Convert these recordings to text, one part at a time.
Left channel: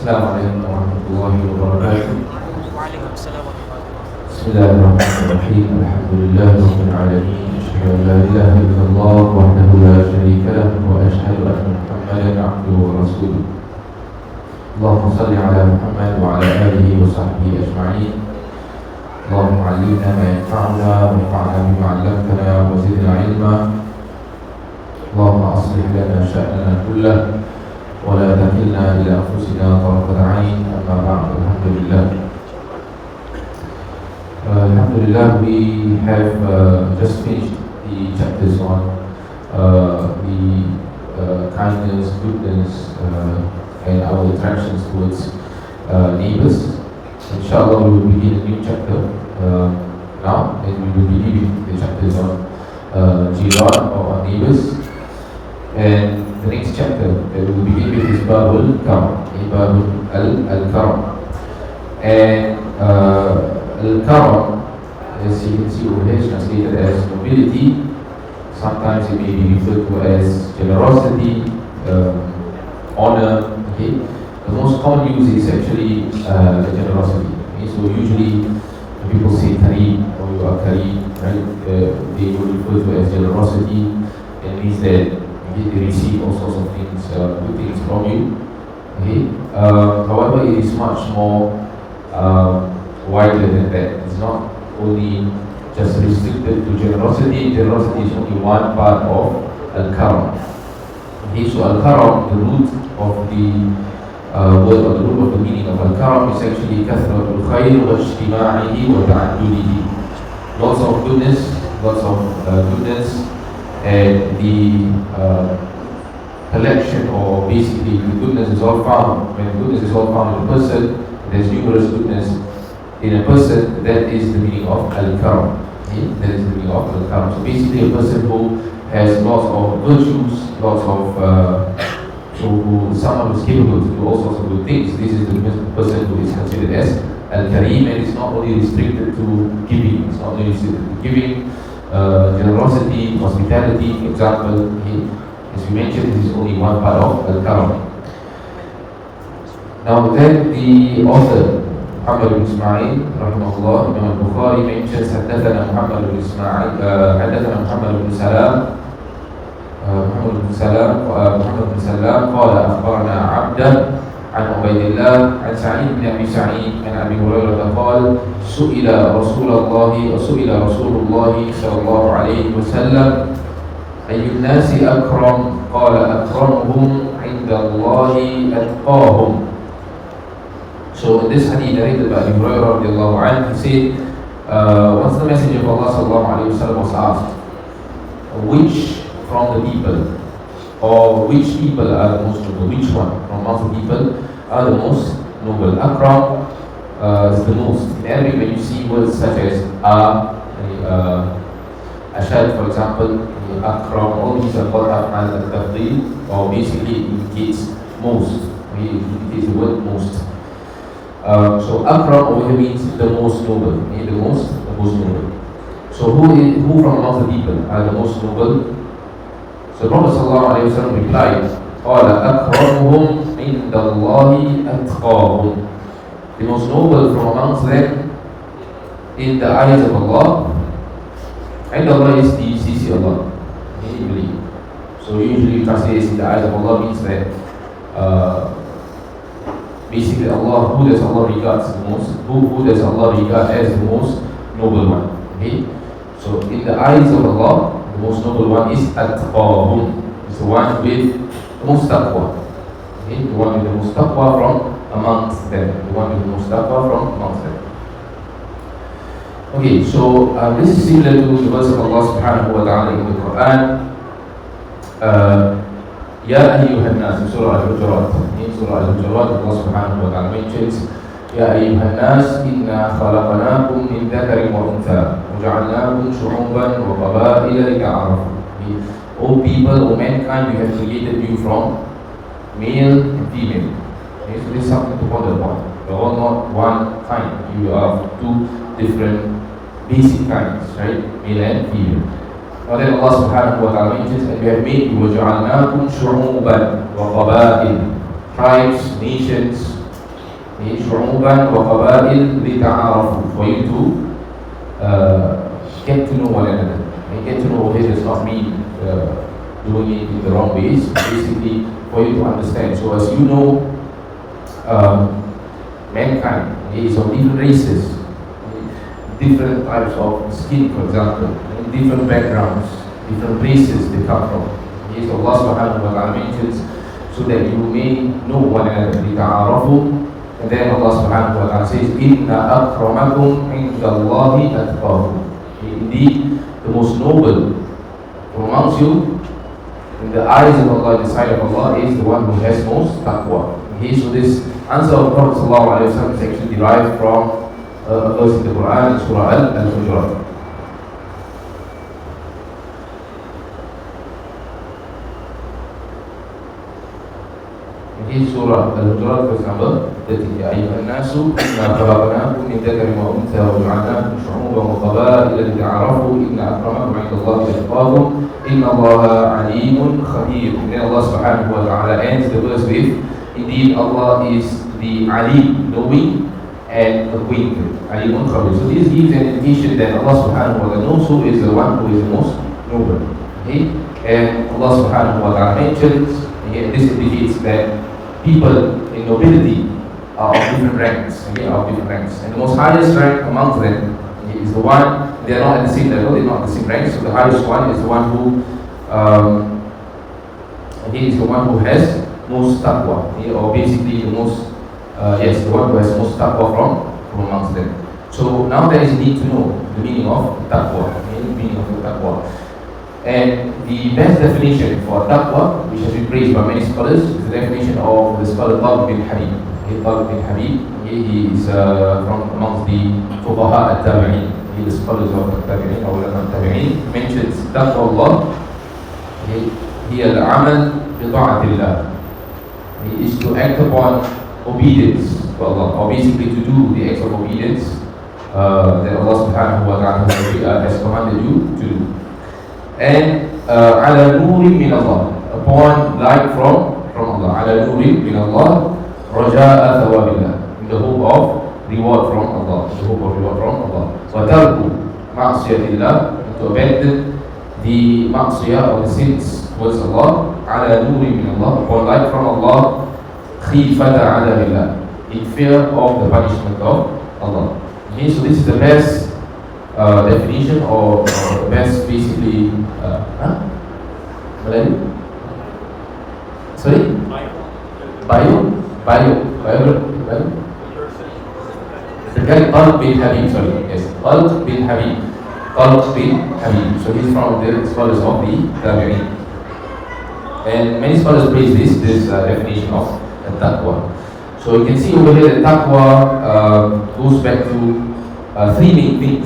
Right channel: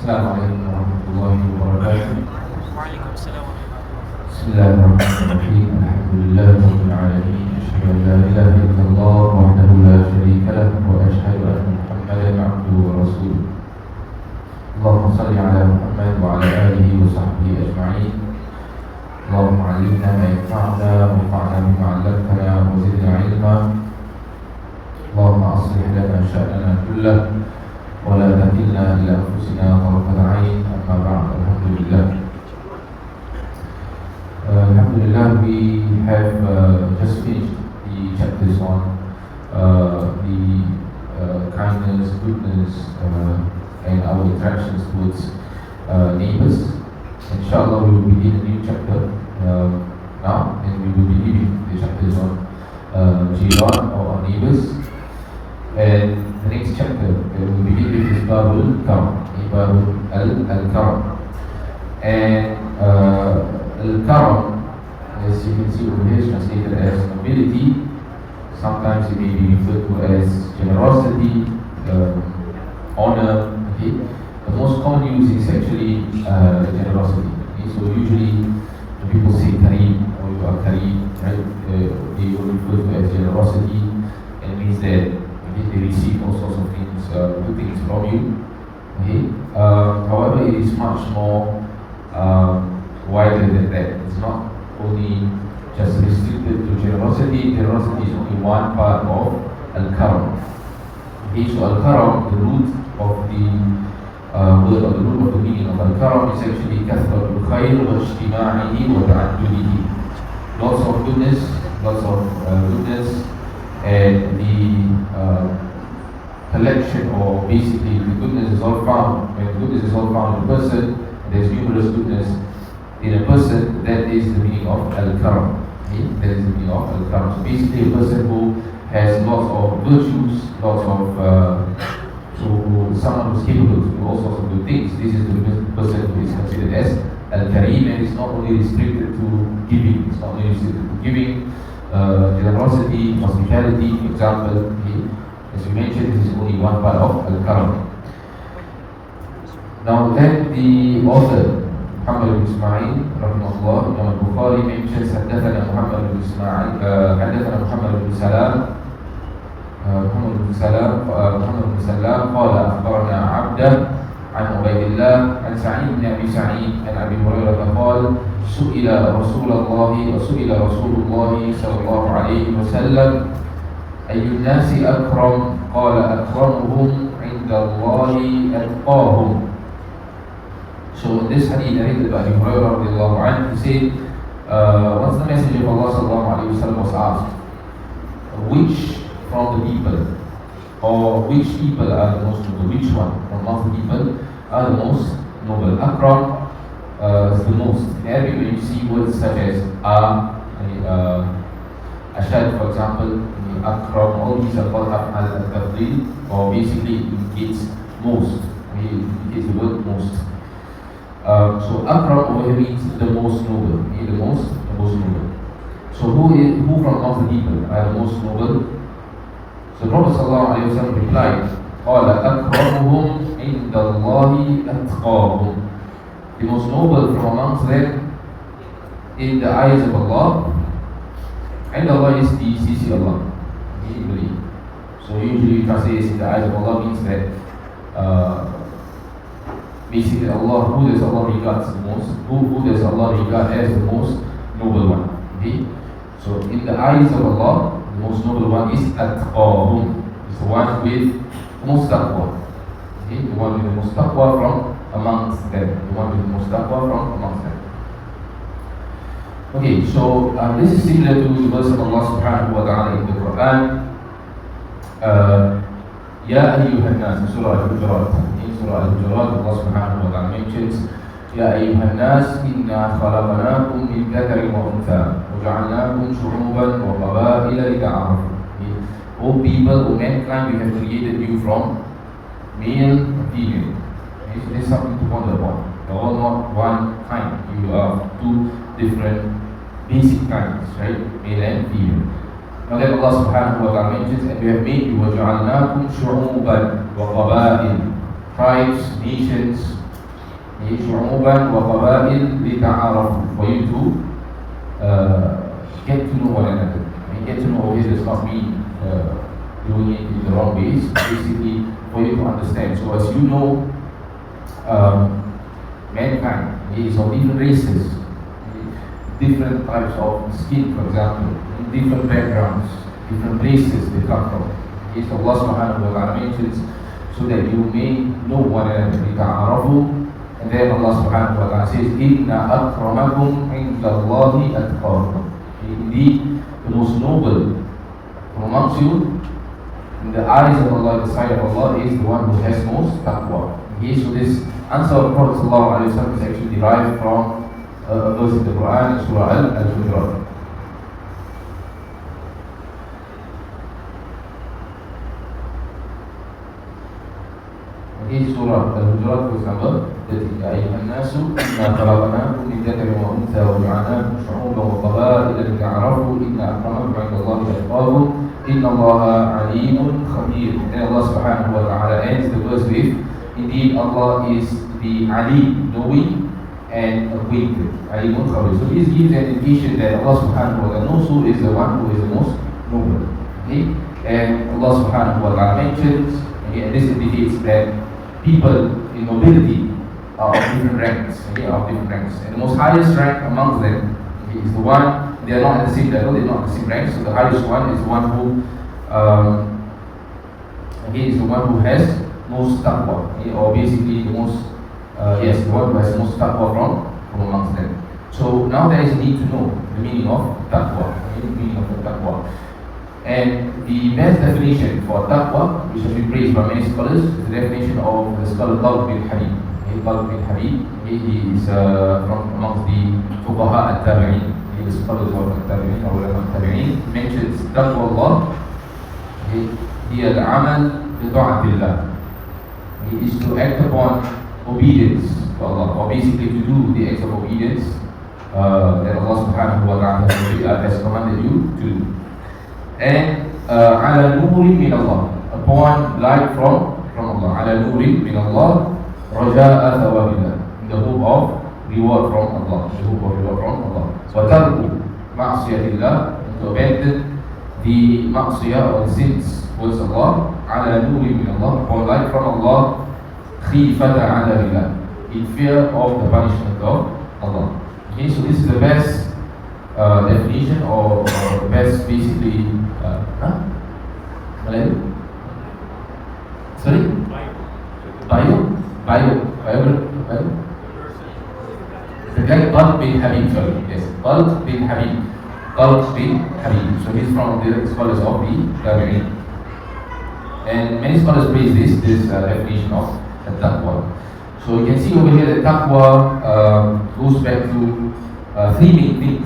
السلام عليكم ورحمة الله وبركاته. وعليكم السلام ورحمة الله. بسم الله الرحمن الرحيم. الحمد لله رب العالمين. أشهد أن لا إله إلا الله وحده لا شريك له وأشهد أن محمدا عبده ورسوله. اللهم صل على محمد وعلى آله وصحبه أجمعين. اللهم علمنا ما ينفعنا وانفعنا بما علمتنا وزدنا علما. اللهم أصلح لنا شأننا كله ولا تكلنا إلى أنفسنا طرفة عين. أما بعد، الحمد لله. Alhamdulillah, we have just finished the chapters on the kindness, goodness, and our attractions towards neighbors. Inshallah, we will begin a new chapter now, and we will be leaving the chapters on jiran or on neighbors. And the next chapter that we will begin with is Babul Karam, Babul Al-Karam. And Al-Karam, as you can see over here, is translated as nobility. Sometimes it may be referred to as generosity, honor. Okay, the most common use is actually generosity. Okay? So usually when people say Kareem or you are Kareem, right, they will refer to as generosity, and it means that they receive all sorts of things, good things from you. Okay, however, it is much more wider than that. It's not only just restricted to generosity. Generosity is only one part of Al-Karam. Okay, so Al-Karam, the root of the word, or the root of the meaning of Al-Karam is actually Kathratul Khair wa Ijtima'ihi wa Ta'addudihi. Lots of goodness, and the collection, or basically the goodness is all found. When goodness is all found in a person, there's numerous goodness in a person. That is the meaning of Al-Karam. Okay? That is the meaning of Al-Karam. So basically a person who has lots of virtues, lots of someone who is capable to do all sorts of good things. This is the person who is considered as Al-Karim, and it's not only restricted to giving. It's not only restricted to giving, generosity, hospitality, for example. Okay? As we mentioned, this is only one part of Al-Karam. Now then, the author محمد بن إسماعيل رحمه الله Imam Al-Bukhari mentions حدثنا محمد بن إسماعيل حدثنا محمد بن سلام قال أخبرنا عبده عن عبيد الله عن سعيد بن أبي سعيد عن أبي هريرة قال سئل رسول الله صلى الله عليه وسلم أي الناس أكرم قال أكرمهم عند الله أتقاهم. So in this hadith narrated by Abu Hurairah radiallahu anhu, he said, once the Messenger of Allah sallallahu alayhi wa sallam was asked, which from the people, or which people are the most noble, which one from amongst the people are the most noble? Akram is the most. In Arabic, when you see words such as Ashad, for example, Akram, all these are called Af'al al-Tafdeel, or basically it indicates most. It indicates the word most. So Akram over here means the most noble. The most noble. So who from amongst the people are the most noble? So Prophet ﷺ replied, قال أكرمهم عند الله أتقاهم. The most noble from amongst them in the eyes of Allah. عند Allah is the CC Allah. You believe. So usually translated in the eyes of Allah means that basically Allah, who does Allah regards the most, who does Allah regard as the most noble one. Okay? So in the eyes of Allah, the most noble one is At-Taqahum. It's the one with the most taqwa. Okay? The one with the most taqwa from amongst them. The one with the most taqwa from amongst them. Okay, so this is similar to the verse of Allah subhanahu wa ta'ala in the Quran. Ya ayyuhan nas, Surah Al-Hujurat. In Surah Al-Hujurat, Allah subhanahu wa ta'ala mentions, Ya ayyuhan nas, inna khalaqnakum min dhakarin wa untha, wa ja'alnakum shu'uban wa qaba'ila lita'arafu. O people, O mankind, we have created you from male and female. Okay, so this is something to ponder upon. You are all not one kind. You are two different basic kinds, right? Male and female. Now then Allah subhanahu wa ta'ala mentions, and we have made you وَجَعَلْنَاكُمْ شُعُوبًا وَقَبَائِلَ, tribes, nations, شعوبا وقبائل لتعارفوا, for you to get to know one another. And get to know this does not mean doing it in the wrong ways. Basically, for you to understand. So as you know, mankind is of different races, different types of skin, for example, different backgrounds, different places they come from. Yes, Allah subhanahu wa ta'ala mentions so that you may know one another. And then Allah subhanahu wa ta'ala says, Inna akramakum indallahi atqakum. Indeed, the most noble from amongst you in the eyes of Allah, in the sight of Allah, is the one who has most taqwa. Okay, so this answer of Prophet sallallahu alaihi wasallam is actually derived from a verse in the Quran, in Surah Al-Hujurat. Okay, Surah Al-Hujurat, verse number 30. Ya ayyuhan nasu, inna khalaqnakum min dhakarin wa untha wa ja'alnakum shu'uban wa qaba'ila lita'arafu, inna akramakum 'indallahi atqakum, inna Allaha 'alimun khabir. And then Allah subhanahu wa ta'ala ends the verse with, indeed Allah is the Alim, knowing and acquainted. Alimun khabir. So this gives an indication that Allah subhanahu wa ta'ala knows who is the one who is the most noble. Okay? And Allah subhanahu wa ta'ala mentions, again, this indicates that people in nobility are of different ranks, and the most highest rank amongst them is the one, they are not at the same level, they are not at the same rank, so the highest one is the one who has most taqwa, or basically the most, the one who has most taqwa from amongst them. So now there is a need to know the meaning of taqwa, and the best definition for taqwa, which has been praised by many scholars, is the definition of the scholar Ustādh bin Habib. Ustādh bin Habib, he is from amongst the fuqaha al-tabi'in, he is the scholars of al-tabi'in or al-tabi'in, mentions taqwa Allah, he al-amal bi ta'atillah, he is to act upon obedience to Allah, or basically to do the acts of obedience that Allah subhanahu wa ta'ala has commanded you to do. And ala nurin min Allah, upon light from Allah, ala nurin min Allah, raja'a thawabillah, in the hope of reward from Allah, wa tarku ma'asiyatillah, to abandon the ma'siyah or the sins towards Allah, ala nurin min Allah, upon light from Allah, khifata adabillah, in fear of the punishment of Allah. Okay, so this is the best definition, or the best basically Melayu? Sorry? Bio? The guy Ustādh bin Habib, sorry, yes, Ustādh bin Habib. So he's from the scholars of the Tabi'in. And many scholars praise this definition of taqwa. So you can see over here that taqwa goes back to three main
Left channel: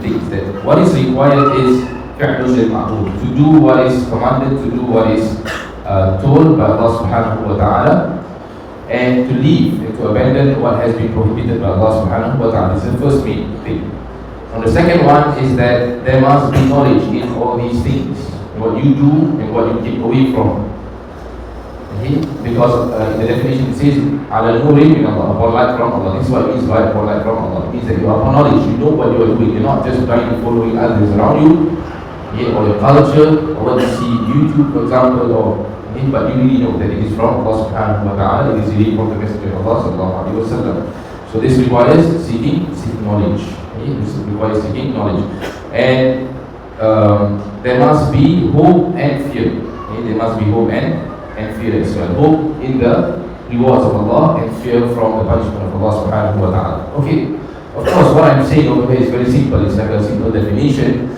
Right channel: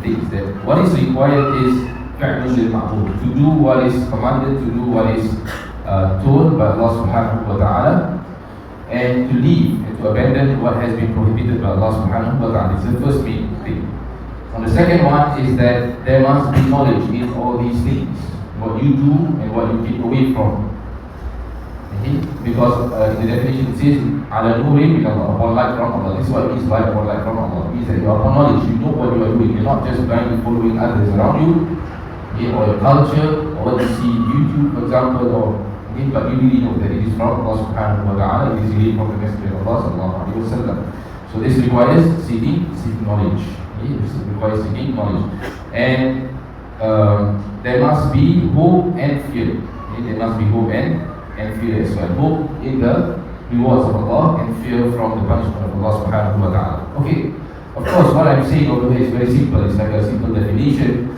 things. That what is required is to do what is commanded, to do what is told by Allah subhanahu wa ta'ala, and to leave and to abandon what has been prohibited by Allah subhanahu wa ta'ala. This is the first main thing. And the second one is that there must be knowledge in all these things, what you do and what you keep away from. Okay? Because in the definition it says, ala nurin min Allah, upon light from Allah. This is what it means by upon light from Allah. It means that you are upon knowledge, you know what you are doing. You're not just blindly following others around you, or your culture, or what you see on YouTube, for example, but you really know that it is from Allah subhanahu wa ta'ala, it is really from the Messenger of Allah sallallahu alaihi wasallam. So this requires seeking knowledge. Okay? This requires seeking knowledge. And there must be hope and fear. Okay? There must be hope and fear as well. Hope in the rewards of Allah and fear from the punishment of Allah subhanahu wa ta'ala. Okay, of course what I'm saying over here is very simple, it's like a simple definition.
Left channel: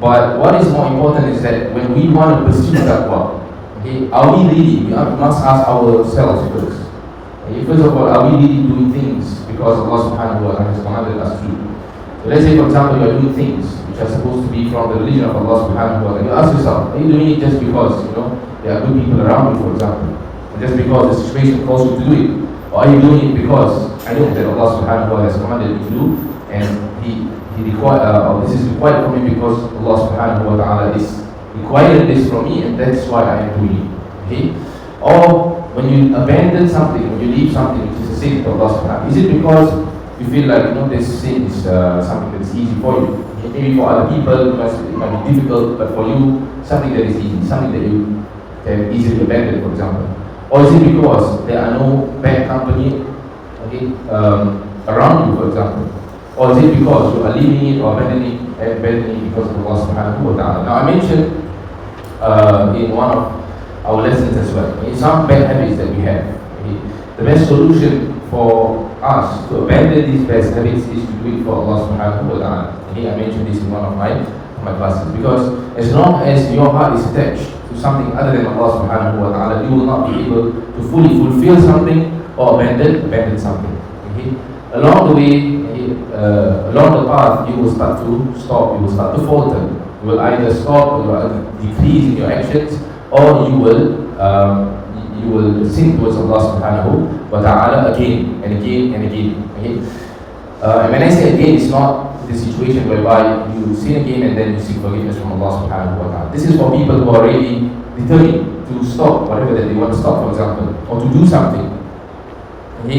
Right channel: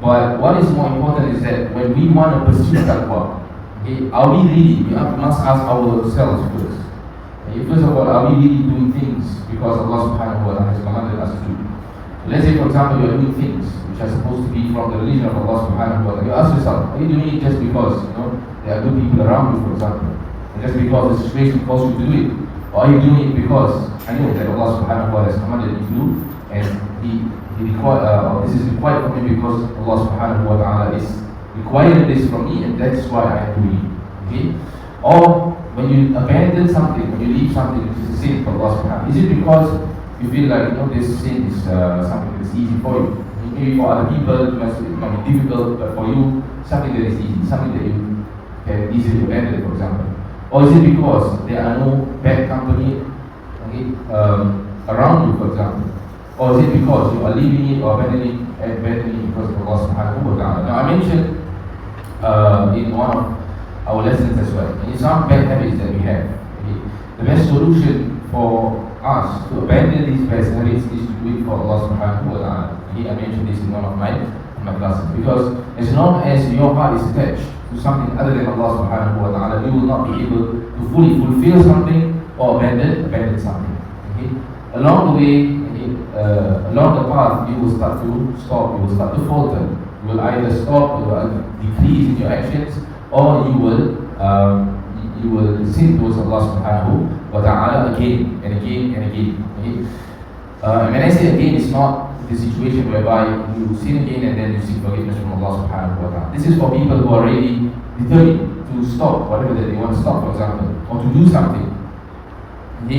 But what is more important is that when we want to pursue taqwa, okay, are we really, we must ask ourselves first. Okay, first of all, are we really doing things because Allah subhanahu wa ta'ala has commanded us to do? So let's say for example you are doing things which are supposed to be from the religion of Allah subhanahu wa ta'ala. You ask yourself, are you doing it just because, there are good people around you, for example, and just because the situation calls you to do it? Or are you doing it because I know that Allah subhanahu wa ta'ala has commanded me to do, and this is required for me because Allah subhanahu wa ta'ala is requiring this from me, and that's why I am doing it. Okay? Or when you abandon something, when you leave something which is a sin for Allah subhanahu, is it because you feel like, this sin is something that is easy for you? Maybe for other people it might be difficult, but for you, something that is easy, something that you can easily abandon, for example. Or is it because there are no bad company around you, for example? Or is it because you are leaving it or abandoning it because of Allah subhanahu wa ta'ala? Now I mentioned in one of our lessons as well, some bad habits that we have. The best solution for us to abandon these bad habits is to do it for Allah subhanahu wa ta'ala. I mentioned this in one of my classes, because as long as your heart is attached to something other than Allah subhanahu wa ta'ala, you will not be able to fully fulfill something or abandon something. Along the way, along the path, you will start to stop, you will start to falter. You will either stop or you will decrease in your actions, or you will sin towards Allah subhanahu wa ta'ala again and again and again. And when I say again, it's not the situation whereby you sin again and then you seek forgiveness from Allah subhanahu wa ta'ala. This is for people who are really determined to stop whatever that they want to stop, for example, or to do something.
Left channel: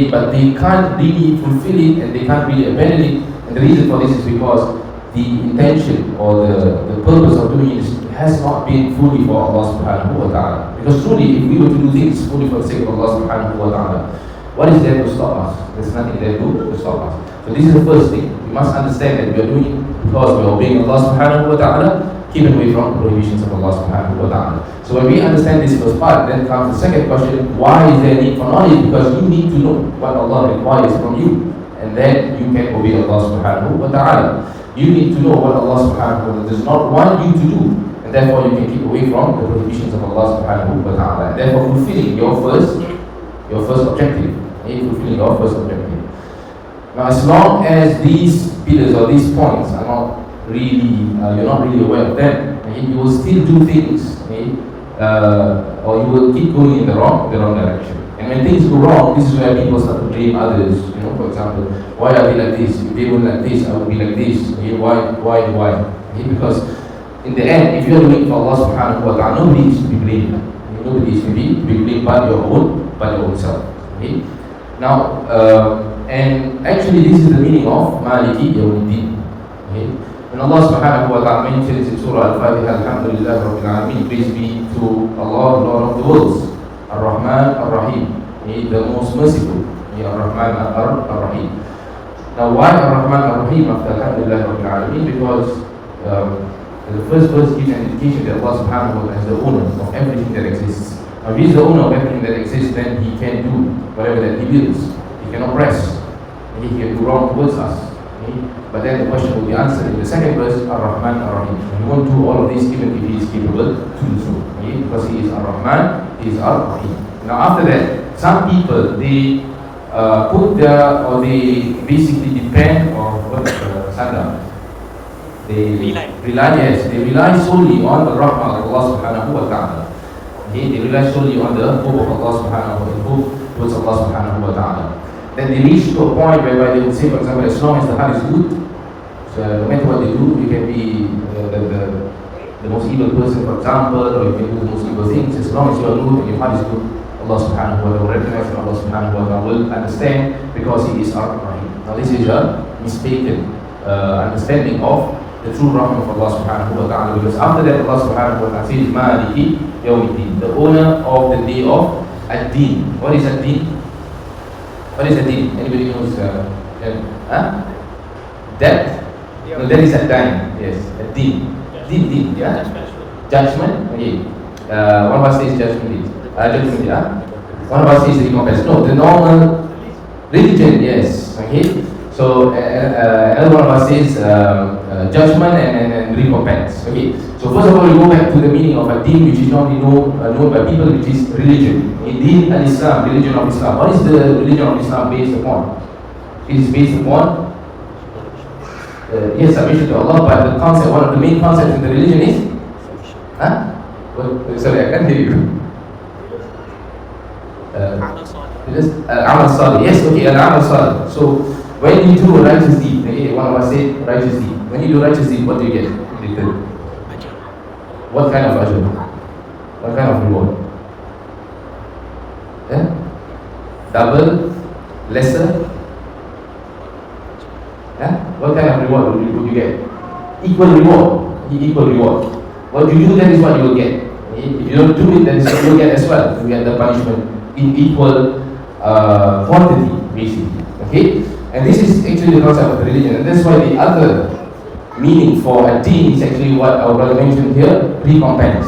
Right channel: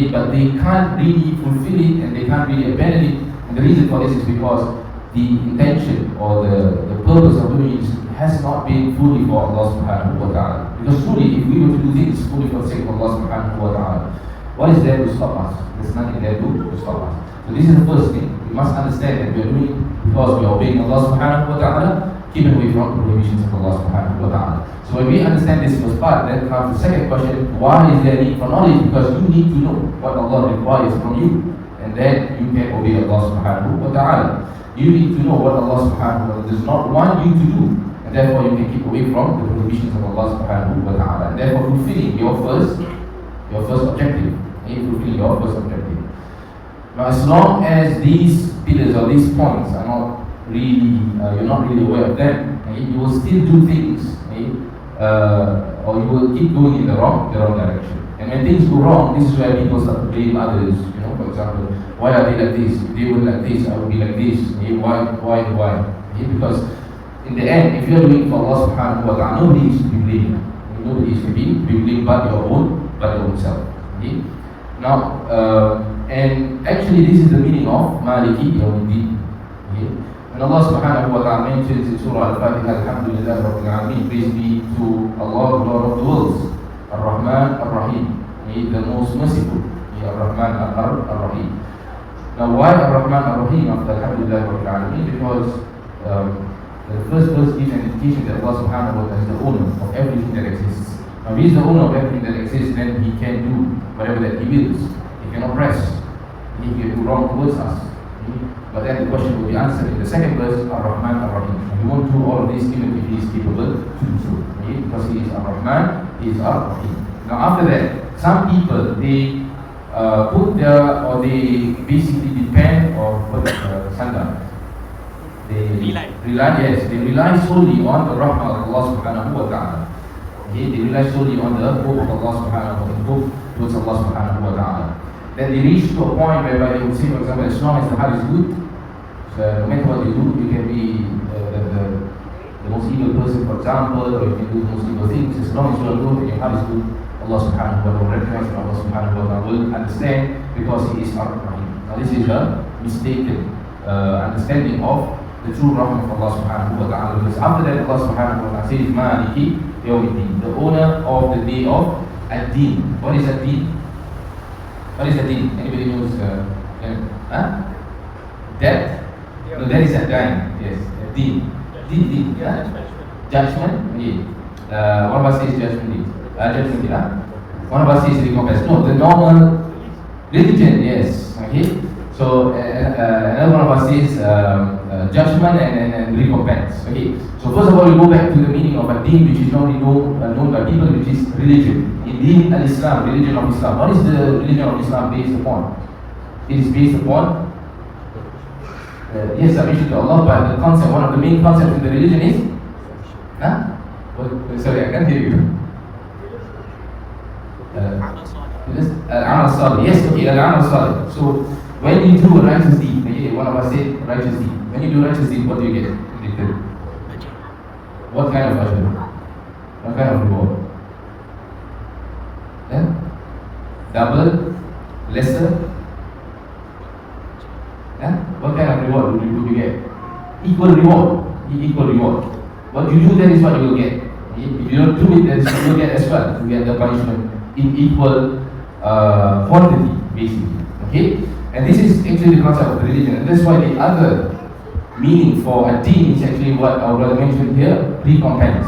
But they can't really fulfill it and they can't really abandon it. And the reason for this is because the intention or the purpose of doing it has not been fully for Allah subhanahu wa ta'ala. Because truly, if we were to do things fully for the sake of Allah subhanahu wa ta'ala, what is there to stop us? There's nothing there to stop us. So this is the first thing. We must understand that we are doing it because we are obeying Allah subhanahu wa ta'ala, keeping away from the prohibitions of Allah subhanahu wa ta'ala. So when we understand this first part, then comes the second question: why is there need for knowledge? Because you need to know what Allah requires from you, and then you can obey Allah subhanahu wa ta'ala. You need to know what Allah subhanahu wa ta'ala does not want you to do, and therefore you can keep away from the prohibitions of Allah subhanahu wa ta'ala, and therefore fulfilling your first objective. Fulfilling your first objective. Now, as long as these pillars or these points are not really, you're not really aware of them, you will still do things, or you will keep going in the wrong direction. And when things go wrong, this is where people start to blame others. For example, why are they like this? If they were like this, I would be like this. Why? Because in the end, if you are doing it for Allah subhanahu wa ta'ala, nobody is to be blamed. Nobody is to be blamed but your own self. Now, and actually this is the meaning of Maliki Yawmuddin. When Allah subhanahu wa ta'ala mentions in Surah Al-Fatiha, Alhamdulillah Rabbil Alameen, praise be to Allah, Lord of the worlds, Ar-Rahman Ar-Rahim, the most merciful, Ar-Rahman Ar-Rahim. Now why Ar-Rahman Ar-Rahim after Alhamdulillah Rabbil Alameen? Because the first verse gives an indication that Allah subhanahu wa ta'ala is the owner of everything that exists. Now, if He is the owner of everything that exists, then He can do whatever that He wills. He can oppress, and He can do wrong towards us. But then the question will be answered in the second verse, Ar-Rahman Ar-Rahim. He won't do all of this even if He is capable to do so. Because He is Ar-Rahman, He is Ar-Rahim. Now after that, some people, they they basically depend on they rely solely on the rahmah of Allah subhanahu wa ta'ala. They rely solely on the hope of Allah subhanahu wa ta'ala, hope towards Allah subhanahu wa ta'ala. Then they reach to a point whereby they would say, for example, as long as the heart is good, so no matter what they do, you can be the most evil person, for example, or you can do the most evil things. As long as you are good and your heart is good, Allah subhanahu wa ta'ala will recognize and Allah subhanahu wa ta'ala will understand, because He is Ar-Rahim. Now this is a mistaken understanding of the true rahmah of Allah subhanahu wa ta'ala, because after that Allah subhanahu wa ta'ala says Maliki Yawmuddin, the owner of the day of Ad-Din. What is Ad-Din? What is Ad-Din? Anybody knows? Death? No, that is Ad-Din. Yes, Ad-Din. Din, yeah? Judgment? Okay. One of us says judgment. Judgment, yeah? One of us says recompense. No, the normal religion, yes. Okay. So another one of us says judgment and recompense. Okay. So first of all, we go back to the meaning of a deen, which is normally known by people, which is religion. Deen al-Islam, religion of Islam. What is the religion of Islam based upon? It is based upon yes, submission to Allah, but the concept, one of the main concepts in the religion is sorry, I can't hear you. Amal Salih. Yes, okay, Amal Salih. So when you do a righteous deed, okay, one of us say righteous deed. When you do righteous deed, what do you get in return? What kind of ajr? What kind of reward? Double, lesser? What kind of reward would you get? Equal reward. Equal reward. What you do, that is what you will get. If you don't do it, then you will get as well. You get the punishment in equal quantity, basically. Okay? And this is actually the concept of religion. And that's why the other meaning for a deen is actually what our brother mentioned here, recompense.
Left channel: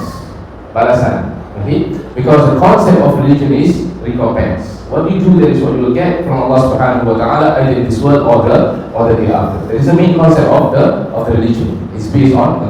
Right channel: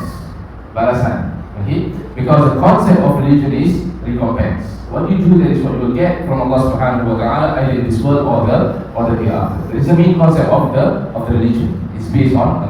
Balasan. Okay? Because the concept of religion is recompense. What you do, that is what you will get from Allah subhanahu wa ta'ala, either in this world or the hereafter. That is the main concept of the religion. It's based on